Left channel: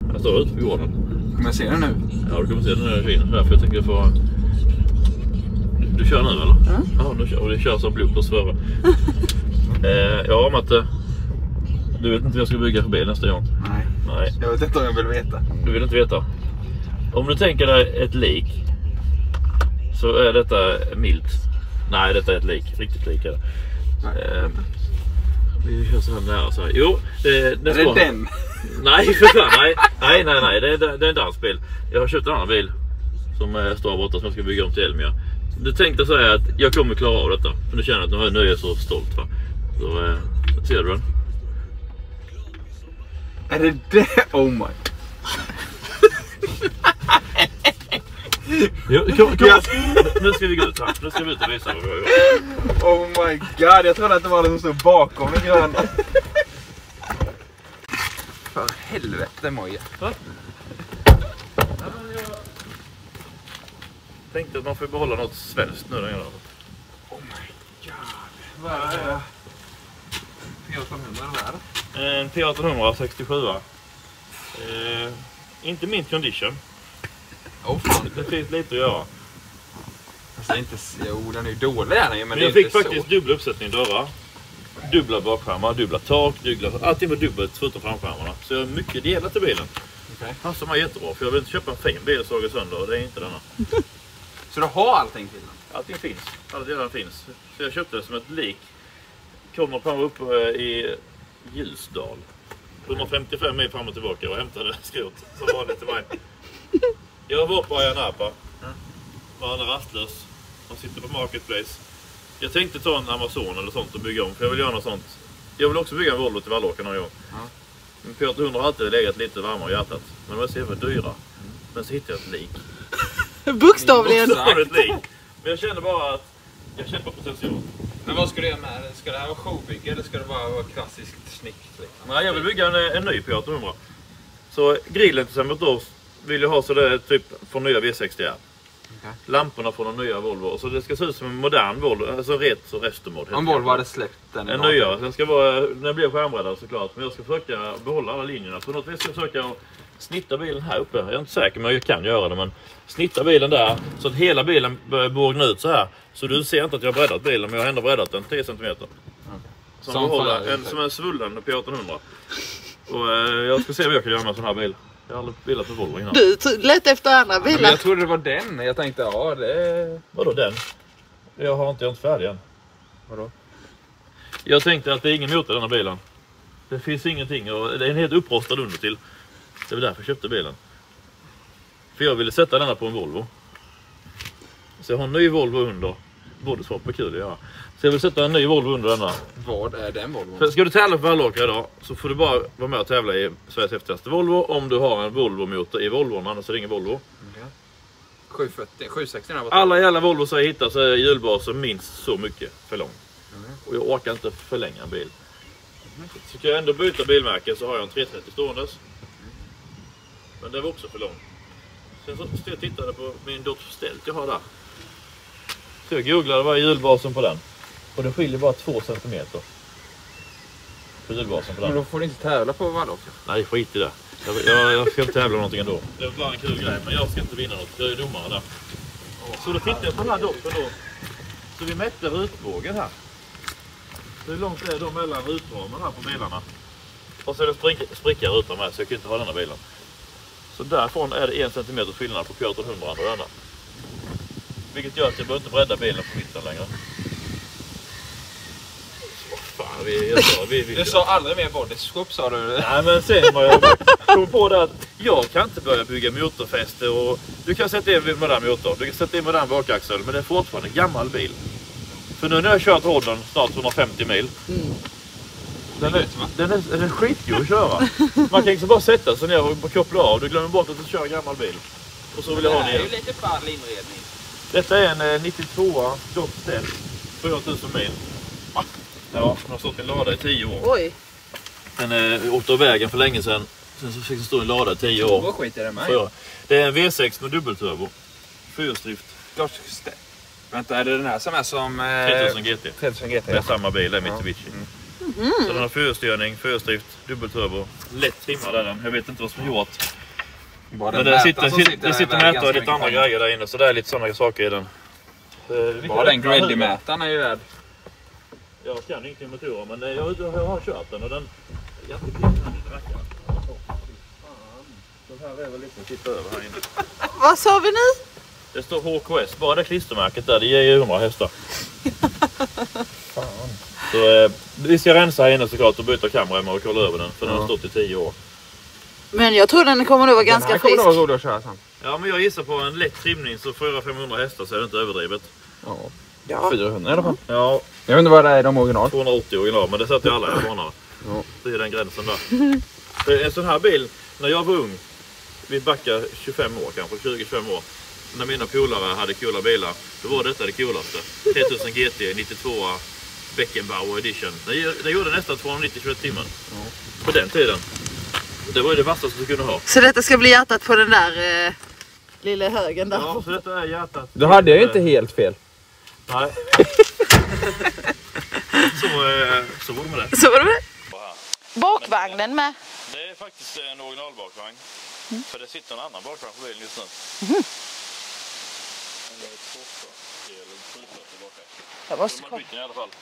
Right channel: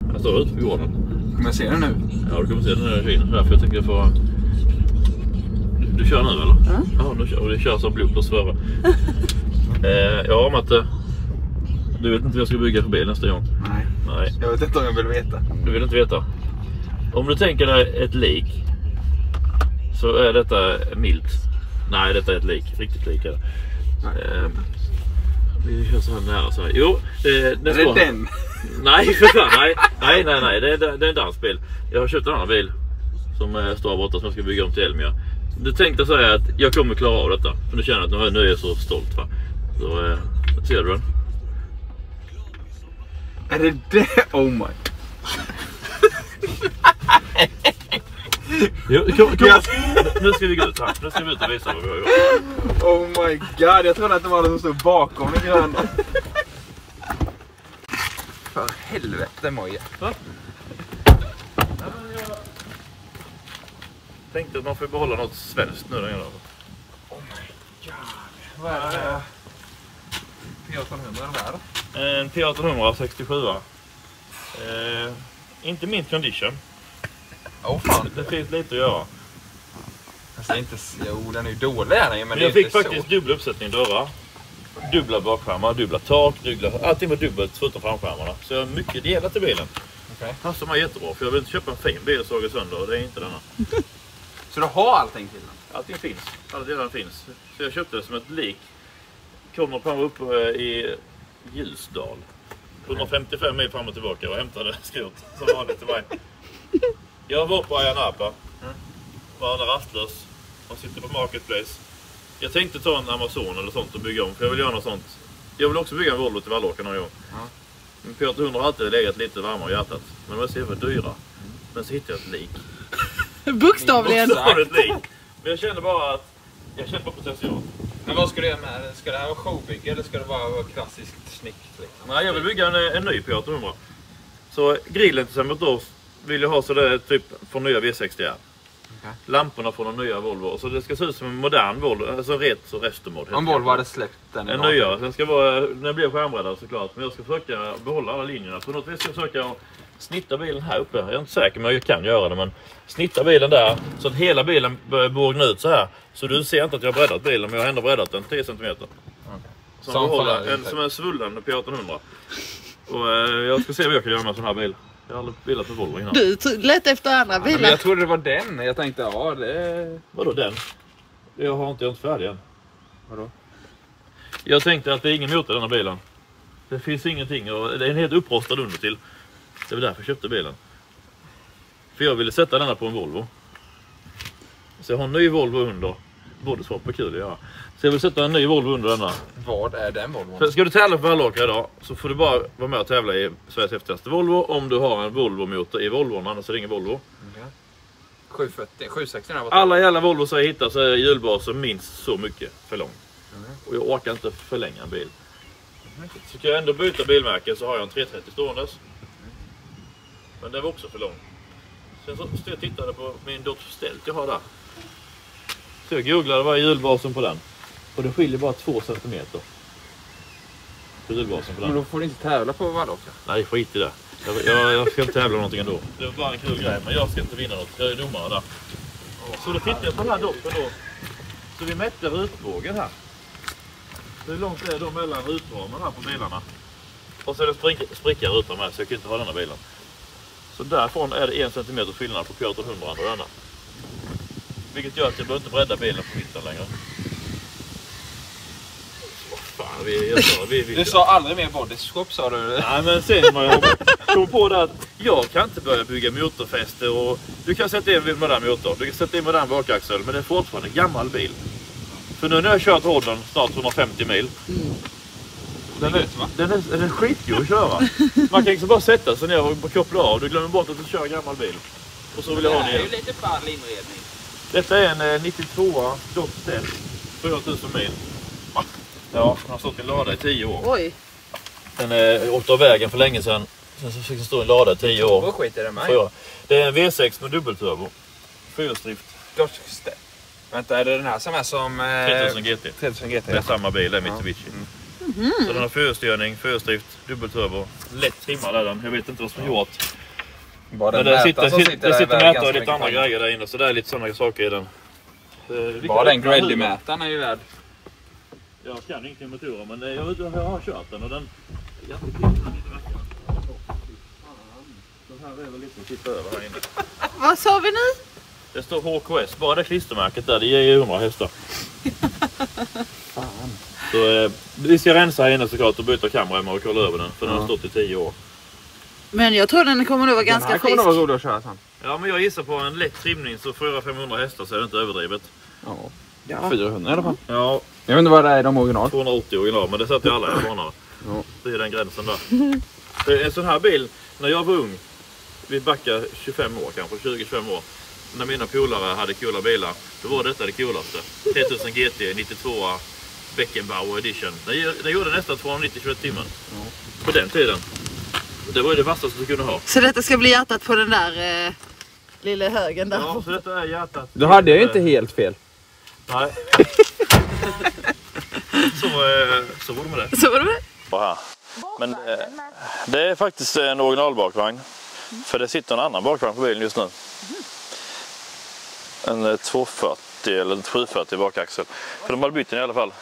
Jag står ute på gården. Kommer jag se den nu? Ja, du kommer se den när jag kör. Därför jag tänker få... Du kör nu eller? Ja, du kör. Och det kör som bloopers före. Ja, Matte. Du vet inte vad jag ska bygga för bil nästa gång? Nej. Jag vet inte om jag vill veta. Du vill inte veta? Om du tänker dig ett lik, så är detta milt. Nej, detta är ett lik. Riktigt lik är det. Vi kör så här nära så här. Jo, är det den? Nej, för fan. Nej. Det är en dansbil. Jag har köpt en annan bil som står borta som jag ska bygga om till Elmia. Du tänkte säga att jag kommer klara av detta. För du känner att nu är jag så stolt, va? Så ser du den? Är det det? Oh my. Nu ska vi gå ut här. Nu ska vi ut och visa vad vi har gjort. Oh my god, jag trodde att det var den som stod bakom mig gröna. För helvete, Moja. Jag tänkte att man får behålla något svenskt nu. Oh my god. Vad är det? P1800 där? En P1800 67. Inte mint condition. Fan. Det finns lite att göra. Alltså inte... Jo, den är ju dålig här. Men jag fick faktiskt dubbla uppsättning dörrar. Dubbla bakskärmar, dubbla tak, allting var dubbelt förutom framskärmarna. Så jag har mycket delat till bilen. Okej. Passar mig jättebra, för jag vill inte köpa en fin bil och såga sönder, och det är inte denna. Så du har allting till den? Allting finns, alla delar finns. Så jag köpte det som ett lik. Kommer på uppe i Ljusdal. 155 mil fram och tillbaka och hämtade skrot som vanligt till mig. Jag var på Ayia Napa. Var alla rastlös. Man sitter på Marketplace. Jag tänkte ta en Amazon eller sånt och bygga om, för jag vill göra något sånt. Jag vill också bygga en Volvo till Vallåken någon gång. Men P800 har alltid legat lite varmare i hjärtat. Men de är så för dyra. Men så hittade jag ett lik. Bokstavligen. Ett lik. Men jag kände bara att jag kände bara potential. Men vad ska du göra med det? Ska det här vara showbygge eller ska det bara vara klassiskt snyggt? Liksom? Nej, jag vill bygga en ny P800. Så grillen till exempel då vill jag ha så det är typ från nya V60R. Okay. Lamporna från en nya Volvo. Så det ska se ut som en modern Volvo, alltså retro restomod. Om Volvo hade släppt den. En nya. Den ska vara, när jag blir skärmbreddad såklart. Men jag ska försöka behålla alla linjerna. På något vis ska jag försöka snitta bilen här uppe. Jag är inte säker, men jag kan göra det. Men snitta bilen där så att hela bilen börjar bågna ut så här. Så du ser inte att jag har breddat bilen, men jag har ändå breddat den 10 cm. Okay. Som en svullen P1800. Och jag ska se vad jag kan göra med en sån här bil. Jag har aldrig bilat med Volvo innan. Du lät efter andra bilar. Men jag trodde det var den. Jag tänkte, ja det... Vadå den? Jag är inte färdig än. Vadå? Jag tänkte att det är ingen motor i den här bilen. Det finns ingenting. Och det är en helt upprostad under till. Det var därför jag köpte bilen. För jag ville sätta denna på en Volvo. Så jag har en ny Volvo under. Både svart och kul att göra. Så jag vill sätta en ny Volvo under denna. Vad är den Volvo? För ska du tävla för Vallåkra idag så får du bara vara med och tävla i Sveriges häftigaste Volvo om du har en Volvo-motor i Volvon, annars är det ingen Volvo. Okay. 740, 760 där. Alla jävla Volvo så jag hittar så är hjulbasen minst så mycket för lång. Och jag orkar inte förlänga en bil. Så kan jag ändå byta bilmärke så har jag en 330 ståendes. Men det var också för lång. Sen så jag tittade på min dotters stält jag har där. Så jag googlade vad är hjulbasen på den. Och det skiljer bara 2 cm. För hjulbasen på den. Men då får du inte tävla på Vallåkra. Nej, skit i det. Jag ska inte tävla någonting ändå. Det var bara en kul grej, men jag ska inte vinna något. Jag är domare där. Så då tittade jag på den här doppen då. Så vi mätte rutbågen här. Hur långt är det mellan rutramen här på bilarna? Och så är det spricka rutan med, så jag kan inte ha denna bilen. Så därifrån är det 1 cm skillnad på P1800 och denna. Vilket gör att jag behöver inte bredda bilen på mitten längre. Så fan, du sa aldrig mer bodyskop, sa du? Nej, men sen har jag kommit på det att jag kan inte börja bygga motorfäste. Och du kan sätta in modern motor, du kan sätta in modern bakaxel, men det är fortfarande en gammal bil. För nu när jag har kört rodden snart 150 mil. Den är skitgod att köra. Man kan liksom bara sätta sig ner och koppla av. Du glömmer bort att du kör en gammal bil. Och så vill jag ha den igen. Det är ju lite ball inredning. Detta är en 92 Dodge 4000 mil. Ja, den har stått i en lada i 10 år. Oj. Den åkte av vägen för länge sedan. Sen så fick den stå i en lada i 10 år. Vad skit är det med? Det är en V6 med dubbelturbo. Fyrhjulsdrift. Vänta, är det den här som är som... 3000 GT. 3000 GT, det är samma bil, det är Mitsubishi. Så den har fyrstyrning, fyrstrift, dubbelturbo. Lätt trimmad är den. Jag vet inte vad som är gjort. Men det sitter mätare och lite andra grejer där inne. Så det är lite sådana saker i den. Bara den Grilly-mätaren är ju värd. Jag kan ingenting med motorer, men jag har kört den och den är jättekul när det verkar. Den här är väl lite att titta över här inne. Vad sa vi nu? Det står HKS, bara det klistermärket där, det ger ju 100 hästar. Så vi ska rensa här inne såklart och byta kamera och kolla över den, för den har stått i 10 år. Men jag tror den kommer nog vara ganska frisk. Den här kommer nog vara rolig att köra sen. Ja, men jag gissar på en lätt trimning så 400-500 hästar så är det inte överdrivet. Ja, 400 i alla fall. Ja. Jag vet inte vad det är i de original. 280 original, men det satt ju alla i banor. Ja. Det är den gränsen där. En sån här bil, när jag var ung, vi backar 25 år kanske, 20-25 år. När mina polare hade coola bilar, då var detta det coolaste. 3000 GT, 92 Beckenbauer edition. Den gjorde nästan 290 km/h. På den tiden. Det var ju det vassaste du kunde ha. Så detta ska bli hjärtat på den där lilla högen där. Ja, så detta är hjärtat. Då hade jag ju inte helt fel. Nej. Så var det med det. Så var det med det. Bakvagnen med. Det är faktiskt en originalbakvagn. För det sitter en annan bakvagn på bilen just nu. En 240 eller 740 bakaxel. För de har bytt den i alla fall.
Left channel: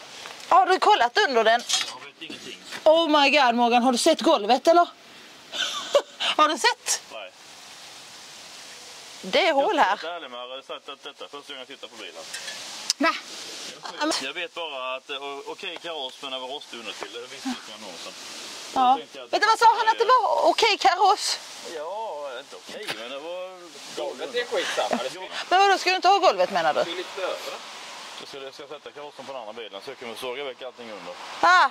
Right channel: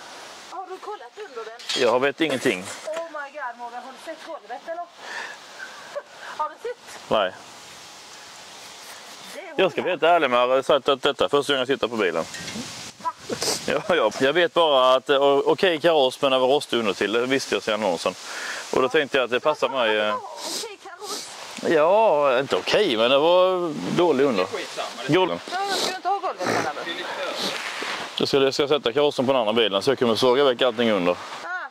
Har du kollat under den? Jag vet ingenting. Oh my god Morgan, har du sett golvet eller? Har du sett? Nej. Det är hål jag ska här. vara ärlig med att sagt att detta är första gången jag sitter på bilen. Va? Ja. Jag vet bara att okej kaross men det var rostig under till. Det visste jag sedan annonsen. Och då tänkte jag att det passar mig. Men det var okej kaross. Ja, inte okej, men det var dålig under. Då ska du inte ha golvet menar du? Jag ska sätta karossen på den andra bilen så jag kommer såga väck allting under. Ah,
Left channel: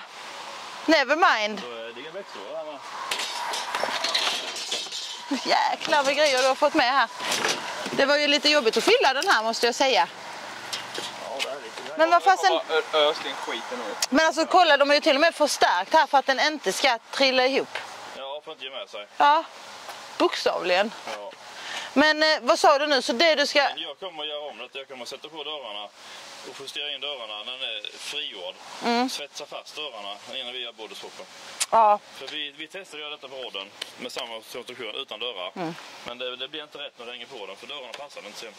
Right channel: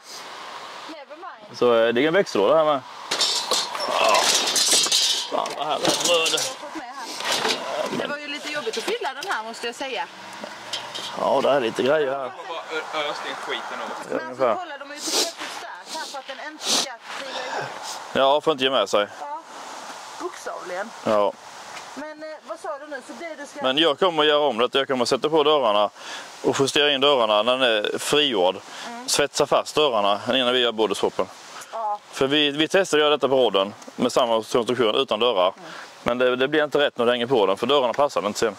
never mind. Så det är en växellåda här med. Jäklar vad grejer du har fått med här. Det var ju lite jobbigt att fylla den här måste jag säga. Ja, det är lite grejer. Men vad fasen... skiten ut. Men alltså kolla, de är ju till och med förstärkt här för att den inte ska trilla ihop. Ja, får inte ge med sig. Ja, bokstavligen. Ja. Men vad sa du nu? Så det du ska... Men jag kommer att göra om det. Jag kommer att sätta på dörrarna och justera in dörrarna när den är frigjord. Svetsa fast dörrarna innan vi gör bodyswappen. Ja. För vi testade att göra detta på rodden med samma konstruktion utan dörrar. Men det blir inte rätt när du hänger på den för dörrarna passar inte sen.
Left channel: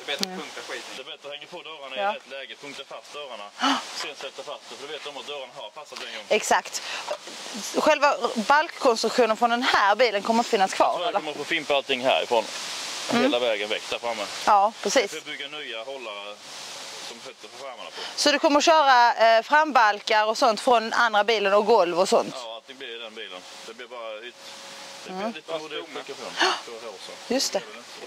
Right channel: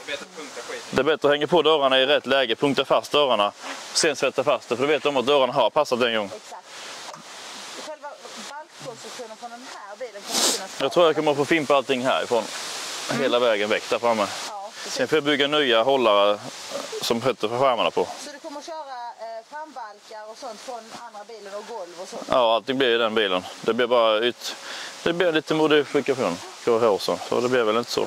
Det är bättre att hänga på dörrarna i rätt läge, punkta fast dörrarna, sen sätta fast det. För du vet om att dörrarna har passat en gång. Exakt. Själva balkkonstruktionen från den här bilen kommer att finnas kvar? Jag tror jag kommer att få fimpa allting härifrån. Hela vägen väck där framme. Ja, precis. Sen får jag bygga nya hållare som sätter för skärmarna på. Så du kommer att köra frambalkar och sånt från andra bilen och golv och sånt? Ja, allting blir i den bilen. Det blir bara det blir lite modifikation på håsen. Det blir väl inte så.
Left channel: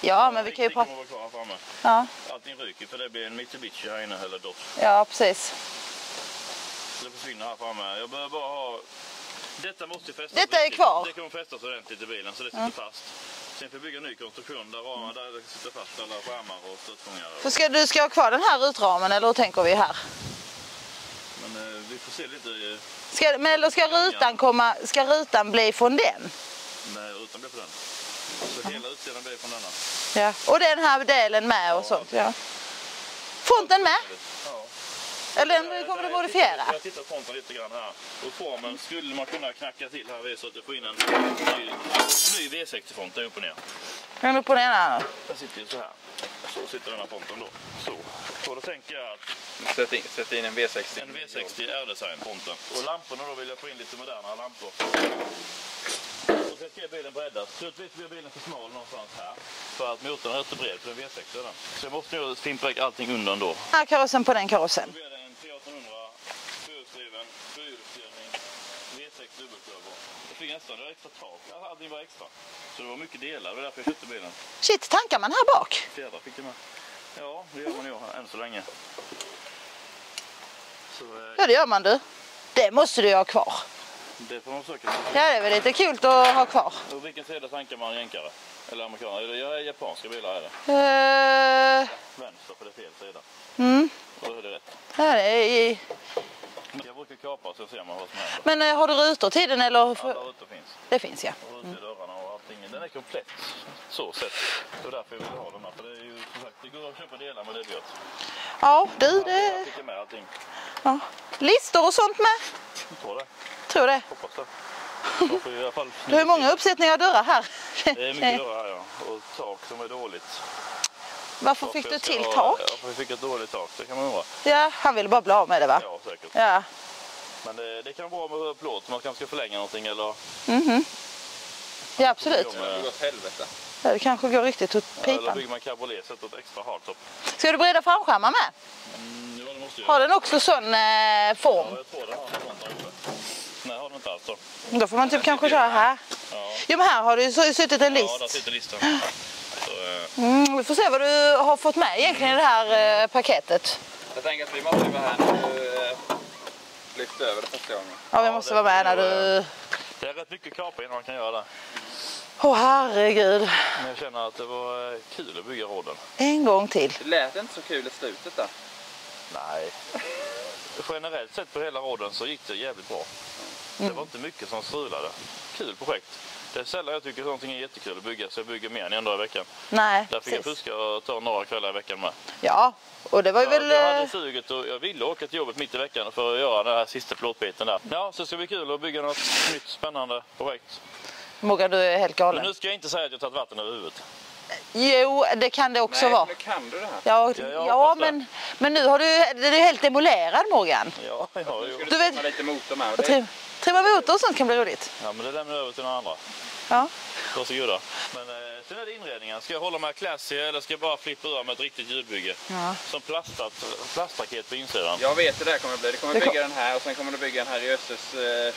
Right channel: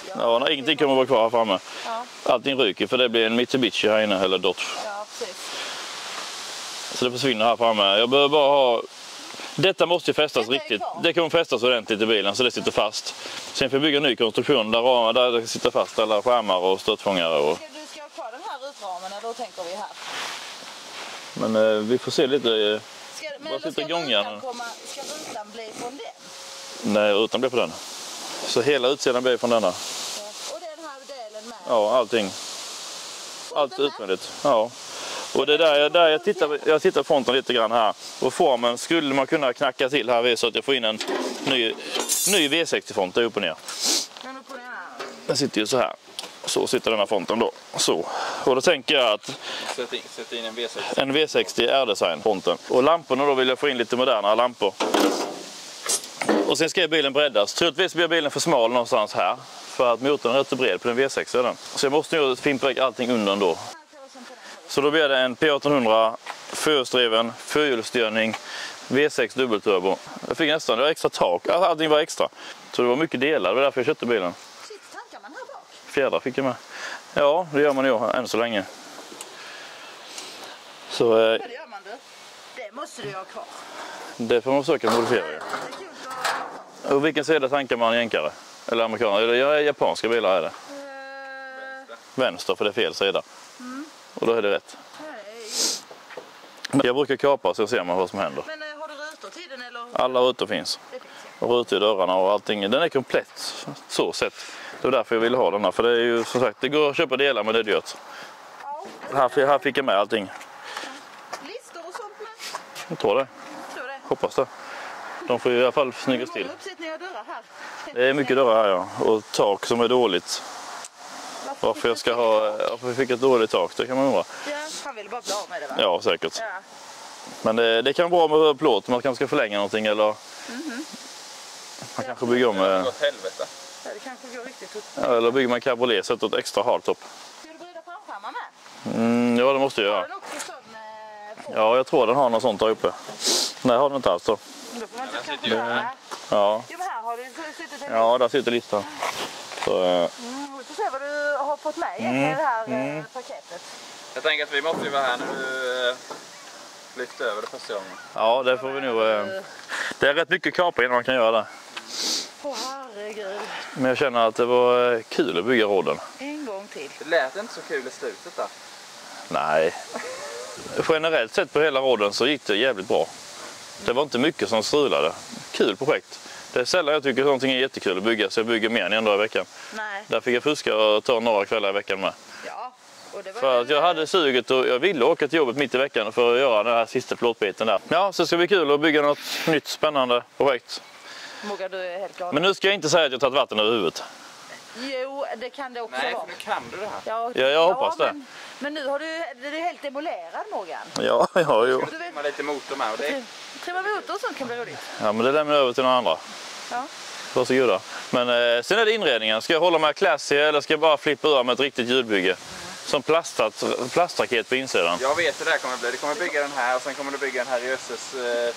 Ja, ingenting kommer att vara kvar här framme. Ja. Allting ryker för det blir en Mitsubishi här inne eller Dodge. Ja, precis. Så det försvinner här framme. Jag behöver bara ha... Detta måste ju fästas riktigt. Det kommer fästas ordentligt i bilen så det sitter fast. Sen får jag bygga en ny konstruktion där det sitter fast alla skärmar och stötfångare. Och... Du ska ha kvar den här utramen eller hur tänker vi här? Men vi får se lite... Ska rutan bli från den? Nej, rutan blir från den. Så hela utsidan blir från denna. Ja. Och den här delen med? Ja, och så. allting. Ja. Fronten med? Utmärkt. Ja. Och det där, jag tittar på fronten lite grann här. Och formen skulle man kunna knacka till här så att jag får in en ny V60-front upp och ner. Den upp och ner här. Den sitter ju så här. Så sitter den här fronten då. Så. Och då tänker jag att... Sätt in en V60. En V60 R-design fronten. Och lamporna då vill jag få in lite modernare lampor. Och sen ska bilen breddas. Troligtvis blir bilen för smal någonstans här. För att motorn är rätt bred på den V6 är den. Så jag måste ju fimpa allting undan då. Här karossen på den karossen. Så då blir det en P1800, fyrhjulsdriven, fyrhjulsstyrning, V6 dubbelturbo. Jag fick nästan, det var extra tak, allting var extra. Så det var mycket delar, det var därför jag köpte bilen. Shit, tankar man här bak? Fjädrar fick jag med. Ja, det gör man ju än så länge. Så, Ja, det gör man du. Det måste du ha kvar. Det får man försöka modifiera. Ja, det är väl lite kul att ha kvar. Och vilken sida tankar man jänkare? Eller amerikaner? Eller japanska bilar är det. Vänster, för det är fel sida. Och då är det rätt. Jag brukar kapa så ser man vad som händer. Men har du rutor till den eller? Alla rutor finns. Det finns ja. Och rutor i dörrarna och allting. Den är komplett så sett. Det var därför jag ville ha den här. För det är ju som sagt, det går att köpa delar men det är dyrt. Ja, Här fick jag med allting. Ja. Listor och sånt med? Jag tror det. Tror det. Hoppas det. De får ju i alla fall snygga Hur många uppsättningar av dörrar här? Det är mycket dörrar här, ja. Och tak som är dåligt. Varför fick du till tak? Varför fick ett dåligt tak, det kan man undra. Ja, han ville bara bli av med det, va? Ja, säkert. Ja. Men det kan vara bra med plåt, man kanske ska förlänga någonting eller... Ja, absolut. Det går åt helvete. Det kanske går riktigt åt Eller pipan. bygger man cabriolet så att ett extra hardtop. Ska du breda framskärmar med? Ja, det måste jag Har göra. den också sån form? Ja, jag tror den har något sånt där uppe. Nej, har den inte alls då. Då får man typ kanske köra här. Ja, Jo, men här har du suttit en list. ja där sitter listan. Så, Vi får se vad du har fått med egentligen i det här paketet. Jag tänker att vi måste vara här nu. Lyft över det första gången. Ja, vi Ja, måste det vara får med vi när nog, du... det är rätt mycket kapa innan man kan göra det. Åh, herregud. Men jag känner att det var kul att bygga rodden. En gång till. Det lät inte så kul i slutet där. Nej. Generellt sett på hela rodden så gick det jävligt bra. Det var inte mycket som strulade. Kul projekt. Det är sällan jag tycker att någonting är jättekul att bygga, så jag bygger mer än en dag i veckan. Nej. Där fick jag fuska och ta några kvällar i veckan med. Ja, och det var ju För väl... att jag hade suget och jag ville åka till jobbet mitt i veckan för att göra den här sista plåtbiten där. Ja, så ska det bli kul att bygga något nytt spännande projekt. Mogga, du är helt galen. Men nu ska jag inte säga att jag tagit vatten över huvudet. Jo, det kan det också vara. Nu kan du det här. Ja, jag hoppas det. men nu har du, det är helt demolerad, Morgan. Ja, jo. Du vet, Med lite motor med. Och det trimma motor och sånt kan bli roligt. Ja, men det lämnar jag över till några andra. Ja. Varsågoda. Men sen är det inredningen. Ska jag hålla med classy eller ska jag bara flippa ur med ett riktigt ljudbygge? Ja. Som plastraket på insidan. Jag vet hur det här kommer att bli. Du kommer bygga den här och sen kommer du bygga en här i Össes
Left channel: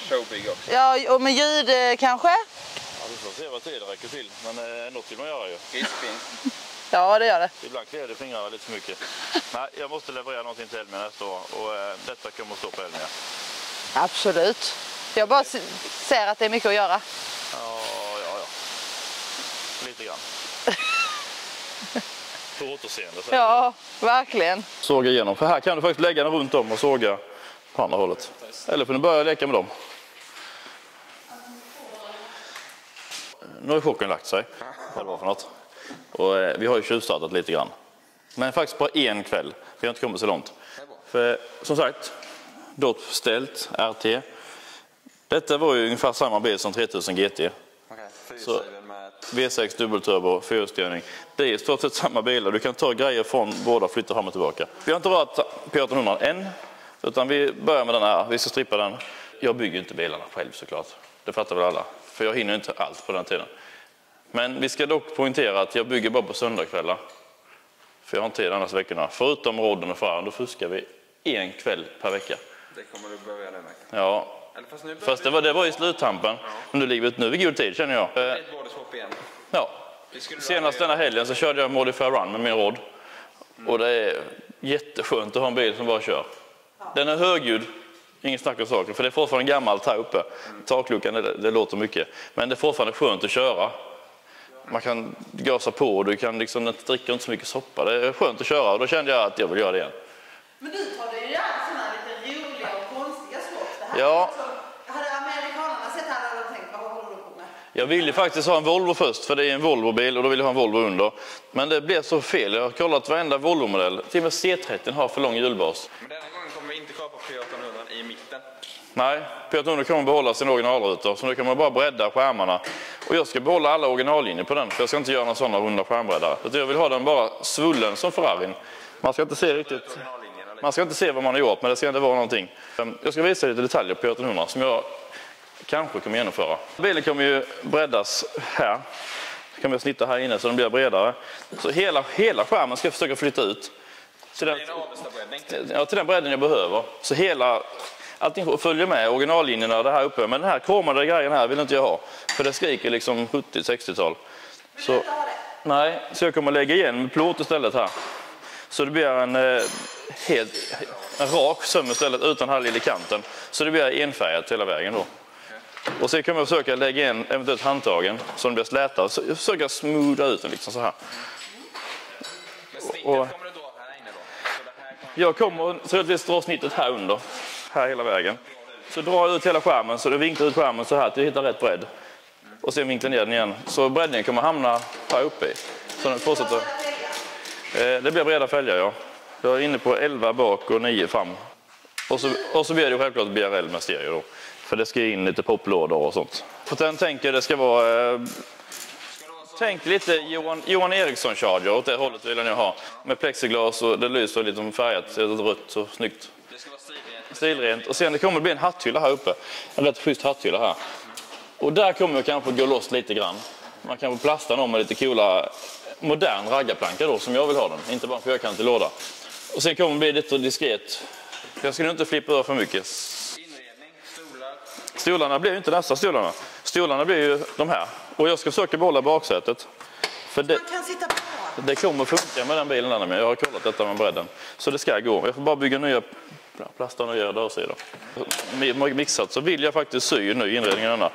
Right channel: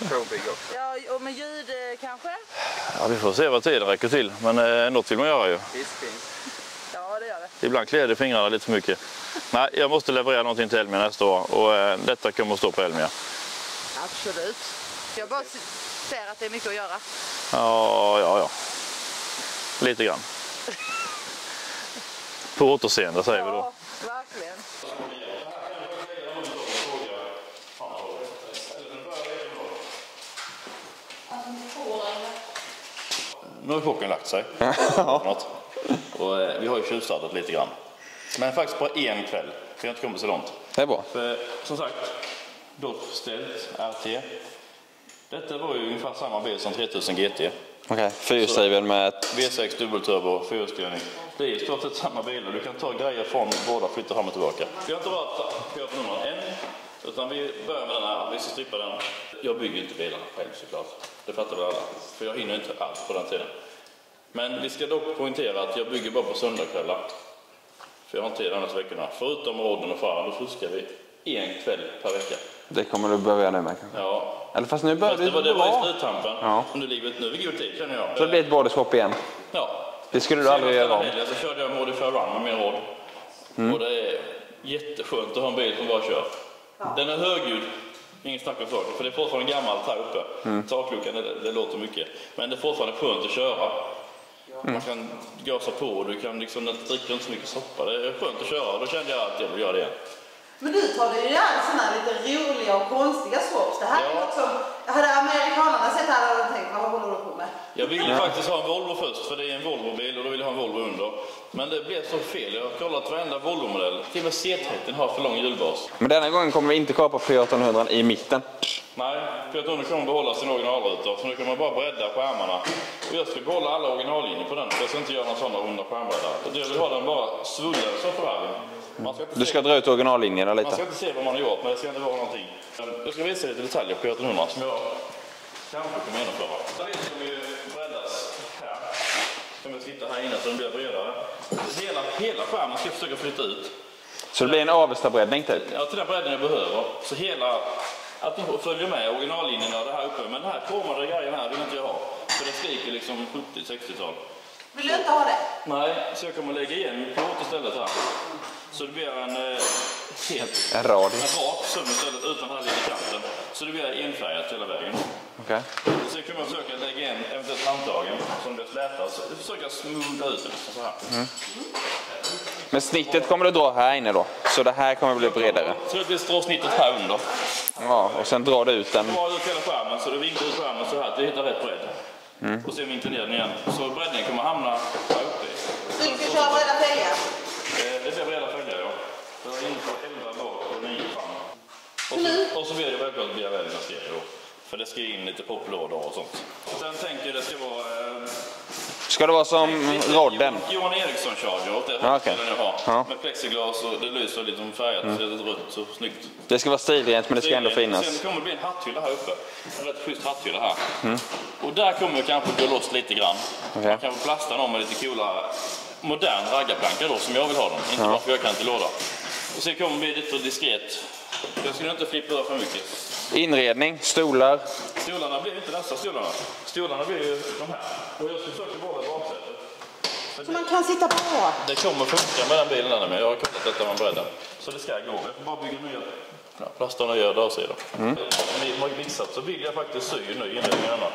showbygge också. Ja, och med ljud kanske? Ja, vi får se vad tiden räcker till. Men något vill man göra ju. Visst finns. Ja, det gör det. Ibland klär det fingrarna lite för mycket. Nej, jag måste leverera någonting till Elmia nästa år. Och detta kommer att stå på Elmia. Absolut. Jag bara ser att det är mycket att göra. Ja. Lite grann. På återseende säger vi då. Ja, verkligen. Såga igenom. För här kan du faktiskt lägga den runt om och såga på andra hållet. Eller får du börja leka med dem. Nu har chocken lagt sig. Och vi har ju tjuvstartat lite grann. Men faktiskt bara en kväll. Vi har inte kommit så långt. Det är bra. För, som sagt, DOT ställt RT. Detta var ju ungefär samma bil som 3000 GT. Okej, fyrhjulsdriven med... V6 dubbelturbo, fyrhjulsstyrning. Det är i stort sett samma bilar. Du kan ta grejer från båda och flytta fram och tillbaka. Vi har inte rört P1800 än, utan vi börjar med den här. Vi ska strippa den. Jag bygger inte bilarna själv såklart. Det fattar väl alla. För jag hinner inte allt på den tiden. Men vi ska dock poängtera att jag bygger bara på söndagskvällar. För jag har inte tid annars veckorna. Förutom rodden och faren, då fuskar vi en kväll per vecka. Det kommer du börja nu med. Ja. Eller fast nu börjar Fast det var i sluttampen. Ja. Men nu är vi god tid känner jag. Det blir ett bodyshop igen. Ja. Det skulle du Senast aldrig denna göra. helgen så körde jag Modify Run med min rodd. Och det är jätteskönt att ha en bil som bara kör. Den är högljud, ingen snack om saker. För det är fortfarande gammalt här uppe. Takluckan, det låter mycket. Men det är fortfarande skönt att köra. Man kan gasa på och du kan liksom dricka inte så mycket soppa. Det är skönt att köra och då kände jag att jag vill göra det igen. Men du tar det ju gärna sådana här lite roliga och konstiga swaps. Det här Ja. är något som... Hade amerikanerna sett det här hade de tänkt, vad håller du på med? Jag ville faktiskt ha en Volvo först, för det är en Volvo-bil och då vill jag ha en Volvo under. Men det blev så fel. Jag har kollat varenda Volvo-modell. Till och med C30 har för lång hjulbas. Men denna gången kommer vi inte kapa P1800 i mitten. Nej, P1800 kommer behålla sin originalrutor. Så nu kan man bara bredda skärmarna. Och jag ska behålla alla originallinjer på den. För jag ska inte göra någon sådana runda skärmbreddare. Jag vill ha den bara svullen som Ferrarin. Man ska inte Du ska se dra ut originallinjerna lite. Man ska inte se vad man har gjort, men det ska inte vara någonting. Jag ska visa lite detaljer på P1800 som jag kanske kommer genomföra. Bilen kommer ju breddas här. Så kan vi snitta här inne så den blir bredare. Så hela skärmen ska jag försöka flytta ut. Så det blir en Avesta-breddning till? Ja, till den bredden jag behöver. Så allting följer med originallinjerna det här uppe. Men den här kromade grejen här vill inte jag ha. För det skriker liksom 70-60-tal. Vill du inte ha det? Nej, så jag kommer lägga igen med plåt istället här. Så det blir en rak söm istället utan här lilla kanten. Så det blir enfärgat hela vägen då. Okay. Och så kan man försöka lägga in eventuellt handtagen så den blir slätad. Så försöka smootha ut den liksom så här. Men snittet kommer du dra här inne då? Så det här kommer bli bredare? Jag kommer troligtvis dra snittet här under. Här hela vägen. Och sen drar du ut den? Så drar ut hela skärmen så du vinklar ut skärmen så här till du hittar rätt bredd. Och sen vinklar ner den igen. Så breddningen kommer hamna här uppe i. Så den Du ska ta fortsätter. breda fälgar. Det blir breda fälgar, ja. Jag är inne på 11 bak och 9 fram. Och så blir det självklart BRL med stereo då. För det ska in lite poplådor och sånt. För sen tänker jag det ska vara... Ska det vara som rodden? Johan Eriksson Charger åt det hållet skulle jag nu ha. Ja. Med plexiglas och det lyser lite som färgat, rött så snyggt. Det ska vara stilrent men det ska ändå finnas. Sen det kommer bli en hatthylla här uppe. En rätt schysst hatthylla här. Och där kommer jag kanske gå loss lite grann. Okay. Man kan plasta dem med lite coola modern raggarplankor då som jag vill ha dem. Inte bara fyrkantig låda. Och sen kommer det bli lite diskret. Jag ska inte flippa över för mycket. Inredning, stolar. Stolarna blir ju inte nästa stolarna. Stolarna blir ju de här. Och jag ska försöka behålla baksätet. För det, man kan sitta på. Det kommer funka med den bilen där med. Jag har kollat detta med bredden. Så det ska gå. Jag får bara bygga nya plastar och göra dörrsidor. Mixat så vill jag faktiskt sy ny inredning än denna.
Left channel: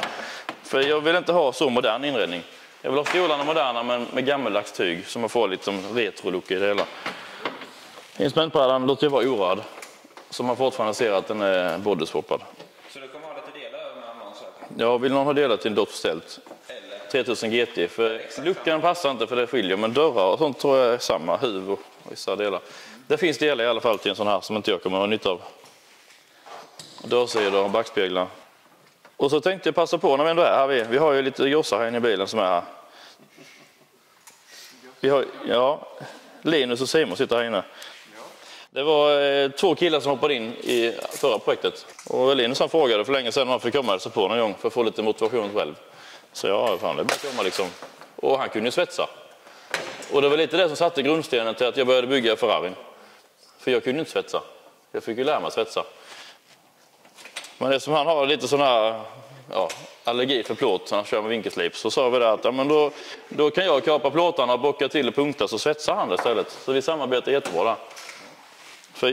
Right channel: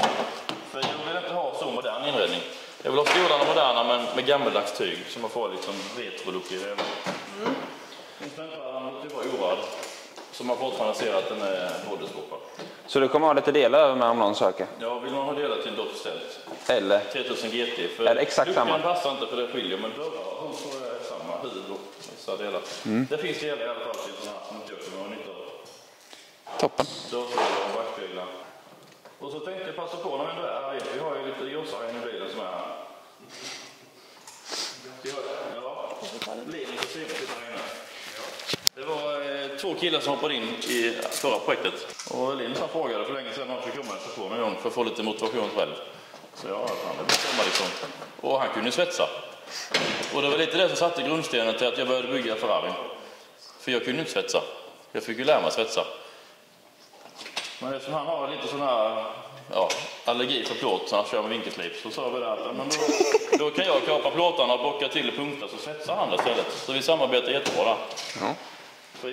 För jag vill inte ha så modern inredning. Jag vill ha stolarna moderna men med gammeldags tyg. Så man får lite retro-look i det hela. Instrumentbrädan låter jag vara orörd. Så man fortfarande ser att den är bodyswappad. Så du kommer ha lite delar över med om någon söker? Ja, vill någon ha delat till en Dodge-tält? Eller? 3000 GT. För luckan passar inte för det skiljer. Men dörrar och sånt tror jag är samma. Huv och vissa delar. Det finns delar i alla fall till en sån här som inte jag kommer ha nytta av. Toppen. Dörrsidor och backspeglar. Och så tänkte jag passa på när vi ändå är här. Vi har ju lite jossar här inne i bilen som är här. Vi har, Linus och Simon sitter här inne. Det var 2 killar som hoppade in i förra projektet. Och Linus han frågade för länge sedan om han fick komma på någon gång för att få lite motivation själv. Så fan det blir komma liksom. Och han kunde ju svetsa. Och det var lite det som satte grundstenen till att jag började bygga Ferrari. För jag kunde inte svetsa. Jag fick ju lära mig svetsa. Men det som han har lite sån här allergi för plåt när han kör med vinkelslip. Så sa vi det att men då kan jag kapa plåtarna och bocka till och punkta så svetsar han det istället. Så vi samarbetar jättebra där. För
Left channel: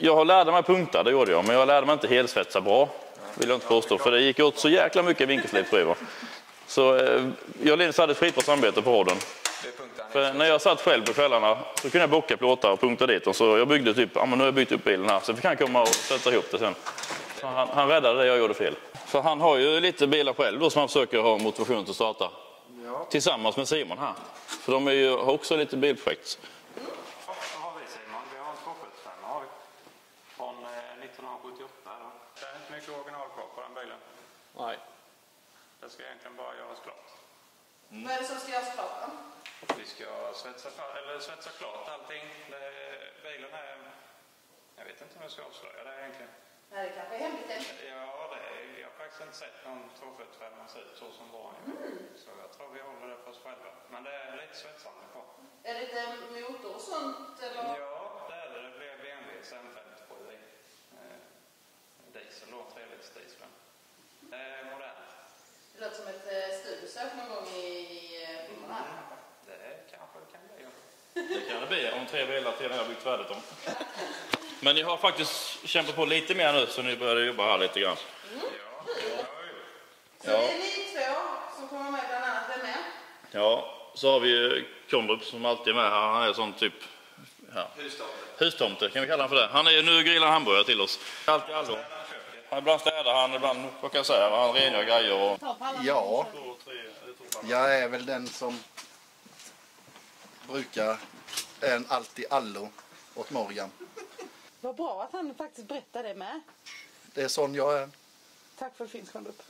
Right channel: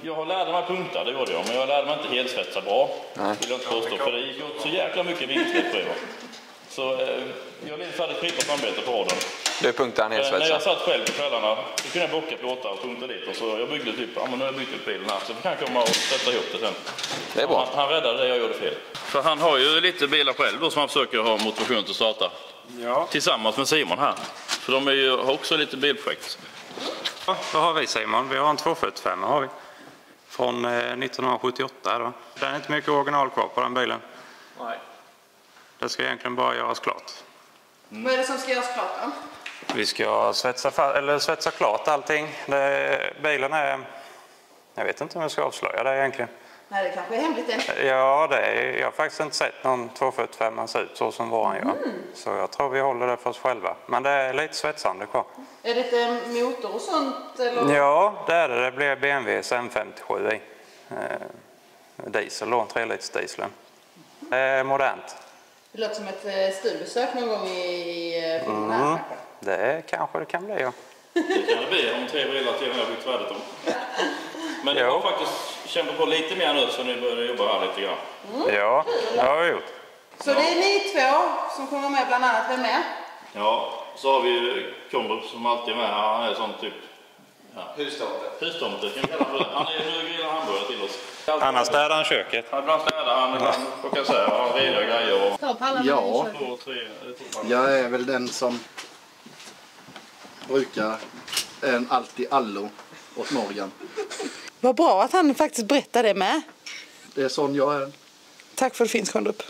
jag lärde mig punkta, det gjorde jag. Men jag lärde mig inte helsvetsa bra. Vill jag inte påstå. För det gick åt så jäkla mycket vinkelslip. Så jag och Linus hade ett skitbra samarbete på hården. Du punktade han helsvetsa? När jag satt själv på kvällarna så kunde jag bocka plåtar och punkta dit. Och så jag byggde typ, nu har jag byggt upp bilen här. Så vi kan komma och sätta ihop det sen. Det är bra. Han räddade det jag gjorde fel. För han har ju lite bilar själv då som han försöker ha motivation till att starta. Ja. Tillsammans med Simon här. För de har också lite bilprojekt. Ja, då har vi Simon. Vi har en 245 har vi. Från 1978 då. Det är inte mycket original kvar på den bilen. Nej. Det ska egentligen bara göras klart. Vad är det som ska göras klart då? Vi ska svetsa klart allting. Bilen är... Jag vet inte om jag ska avslöja det egentligen. Nej, det kanske är hemligt än. Ja, jag har faktiskt inte sett någon 245 se ut så som våran gör. Så jag tror vi håller det för oss själva. Men det är lite svetsande kvar. Är det inte motor och sånt? Eller? Ja, det är det. Det blir BMWs M57 i. Diesel då, 3-liters dieseln. Det är modernt. Det låter som ett studiebesök någon gång i filmen. Det kanske det kan bli, ja. Det kan det bli om 3 bilar till när jag byggt färdigt dem. Men ni har faktiskt kämpat på lite mer nu så ni började jobba här lite grann. Ja, det har vi gjort. Så det är ni 2 som kommer med bland annat. Vem är? Ja, så har vi ju Komrup som alltid är med här. Han är sån typ... Hustomte kan vi kalla för det. Han är nu grillar hamburgare till oss. Annars städar han köket. Ibland städar han, vad kan jag säga, han rengör grejer. Ja, jag är väl den som brukar en allt-i-allo åt Morgan. Vad bra att han faktiskt berättar det med. Det är sån jag är. Tack för att det finns, Komrup.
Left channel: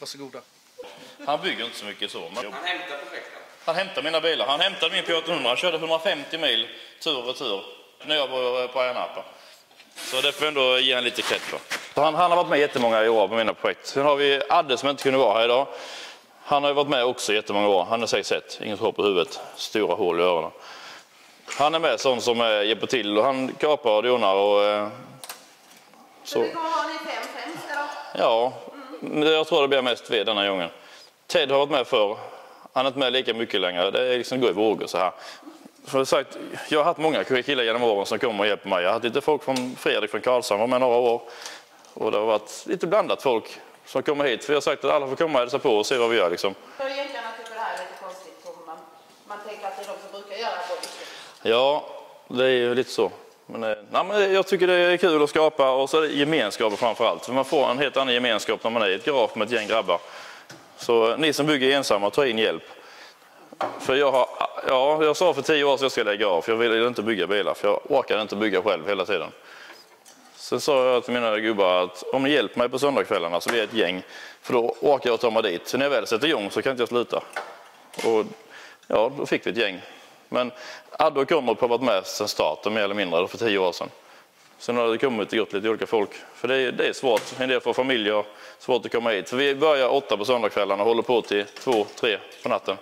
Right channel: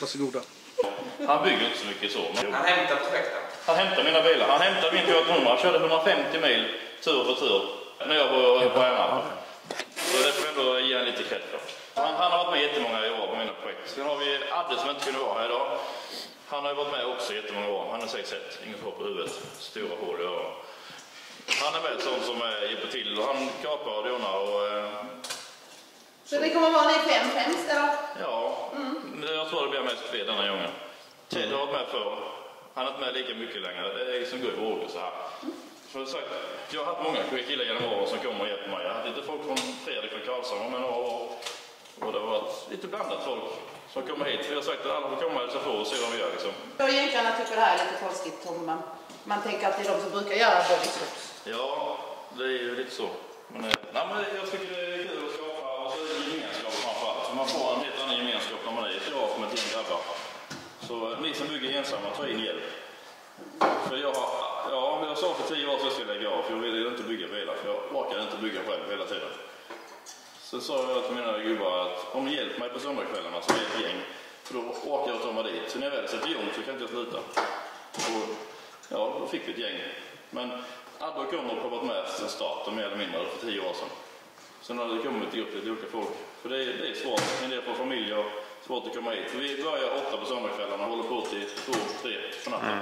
Varsågoda. Han bygger inte så mycket så. Han hämtar projekten. Han hämtar mina bilar. Han hämtade min P800. Han körde 150 mil tur och retur när jag var på Änarp. Så det får vi ändå ge en lite cred för. Han har varit med jättemånga år på mina projekt. Sen har vi Adde som inte kunde vara här idag. Han har varit med också jättemånga år. Han är 6'1", inget hår på huvudet, stora hål i öronen. Han är med sån som hjälper till och han kapar och donar och... Så det kommer vara ni 5 främst eller? Ja, jag tror det blir mest ved denna gången. Ted har varit med förr. Han är inte med lika mycket längre. Det är liksom går i vågor så här. För sagt, jag har haft många killar genom åren som kommer och hjälper mig. Jag har haft lite folk från Fredrik från Karlshamn var med några år. Och det har varit lite blandat folk som kommer hit. För jag har sagt att alla får komma och hälsa på och se vad vi gör liksom. Jag egentligen tycker det här är lite konstigt om man tänker att det är de som brukar göra bodystops. Ja, det är ju lite så. Men jag tycker det är kul att skapa och så är det gemenskap framför allt. För man får en helt annan gemenskap när man är i ett garage med ett gäng grabbar. Så ni som bygger ensamma, ta in hjälp. För jag sa för 10 år sedan jag ska lägga av. För jag ville inte bygga bilar. För jag orkade inte bygga själv hela tiden. Sen sa jag till mina gubbar att om ni hjälper mig på söndagskvällarna så blir det ett gäng. För då åker jag och tar mig dit. Så när jag väl sätter igång så kan inte jag sluta. Och ja, då fick vi ett gäng. Men Adde och Conrad har varit med sedan starten mer eller mindre för 10 år sedan. Sen har det kommit och gått lite olika folk. För det är svårt. En del för familjer svårt att komma hit. För vi börjar 8 på söndagskvällarna och håller på till 2-3 på natten.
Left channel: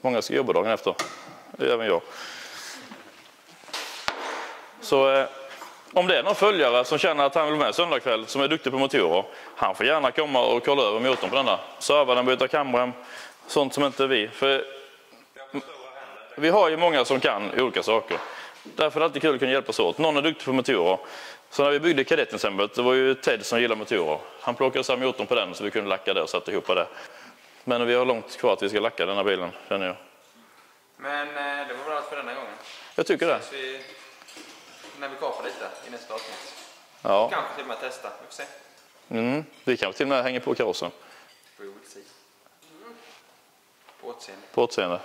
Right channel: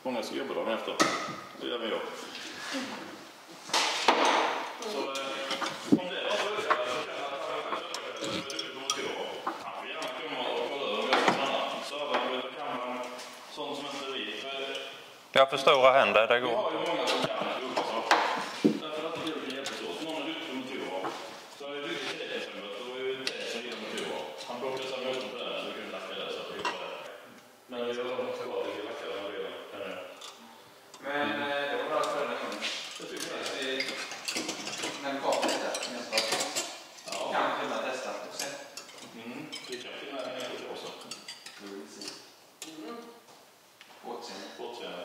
Många ska jobba dagen efter. Det gör även jag. Så om det är någon följare som känner att han vill med söndagkväll som är duktig på motorer, han får gärna komma och kolla över motorn på denna. Serva den, byta kameran, sånt som inte vi. För jag förstår händer. vi har ju många som kan olika saker. Därför är det alltid kul att kunna hjälpas åt. Någon är duktig på motorer. Så när vi byggde kadettensemble, det var ju Ted som gillar motorer. Han plockade så motorn på den så vi kunde lacka det och sätta ihop det. Men vi har långt kvar att vi ska lacka den här bilen. Men det var bra för denna gången. Jag tycker det. När vi kommer lite nästa avsnitt. Ja. Kan vi till och med testa och se. Vi kan till och med hänga på karossen. På åtseende.